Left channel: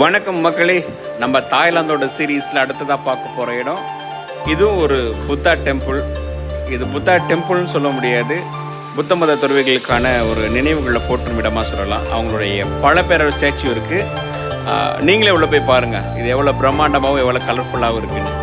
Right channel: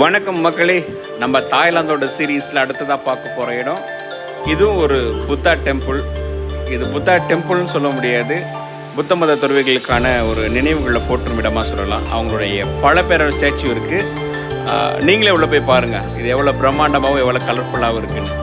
வணக்கம் மக்களே, நம்ம தாய்லாந்தோட சீரீஸில் அடுத்ததாக பார்க்க போகிற இடம் இதுவும் ஒரு புத்தா டெம்பிள். இது புத்தா டெம்பிள்னு சொல்ல முடியாது, புத்த மத துறவிகளுக்கான ஒரு நினைவுகளை போற்றும் இடமாக சொல்லலாம். அவங்களுடைய பல பேரோட ஸ்டாச்சு இருக்குது. நீங்களே உள்ள போய் பாருங்கள், இது எவ்வளோ பிரம்மாண்டமாகவும் எவ்வளோ கலர்ஃபுல்லாகவும் இருக்குன்னு.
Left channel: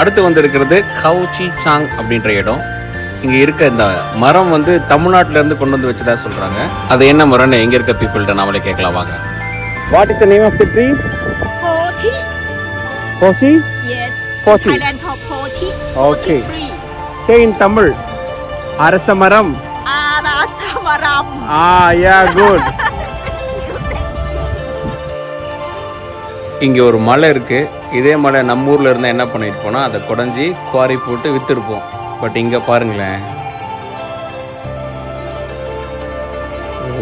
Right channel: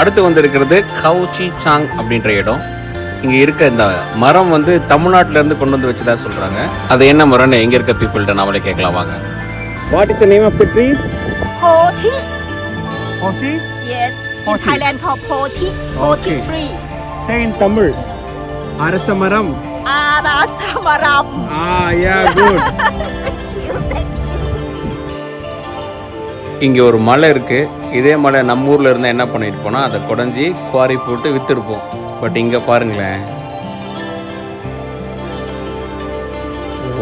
அடுத்து வந்திருக்கிறது கவு சி சாங் அப்படின்ற இடம். இங்கே இருக்க இந்த மரம் வந்து தமிழ்நாட்டிலேருந்து கொண்டு வந்து வச்சதா சொல்கிறாங்க. அது என்ன மரம்னு எங்கே இருக்க பீப்புள்கிட்ட நாமளே கேட்கலாம் வாங்க. What is the name of the tree? Poti. Poti? Yes. Poti. In Thailand called Poti. Poti tree. Say in Tamil. அரச மரம். Arasamaram. Yeah, good. இங்கே ஒரு மலை இருக்குது. இதே மலை நம்ம ஊரில் இருந்தால் என்ன பண்ணிட்டு போனால் அதை குடஞ்சி குவாரி போட்டு விற்றுருப்போம். பட் இங்கே பாருங்களேன்,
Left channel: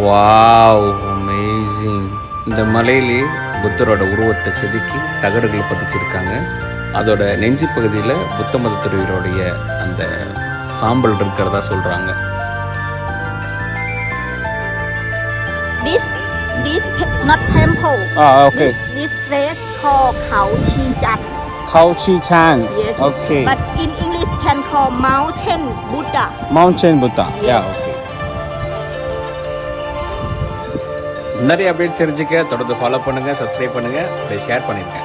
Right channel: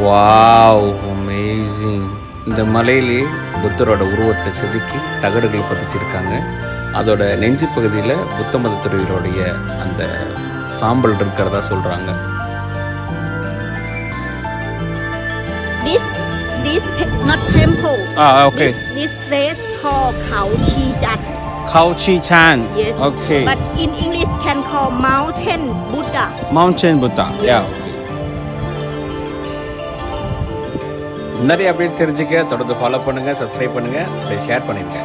வாவ், அமேசிங். இந்த மலையிலே புத்தரோட உருவத்தை செதுக்கி தகடுகள் பதிச்சிருக்காங்க. அதோட நெஞ்சு பகுதியில் புத்த மத துறவிகளுடைய அந்த சாம்பல் இருக்கிறதா சொல்கிறாங்க. This not temple. Okay. This place called Khao Chi Chan. Khao Chi Chan. Yes. Okay. But in English can call Mountain Buddha. Mountain Buddha. Yes. Yeah. Okay. நிறைய அப்டேட் தெரிஞ்சுக்க தொடர்ந்து ஃபாலோ பண்ணுங்கள், சப்ஸ்கிரைப் பண்ணுங்கள், அப்படியே ஷேர் பண்ணிடுங்க.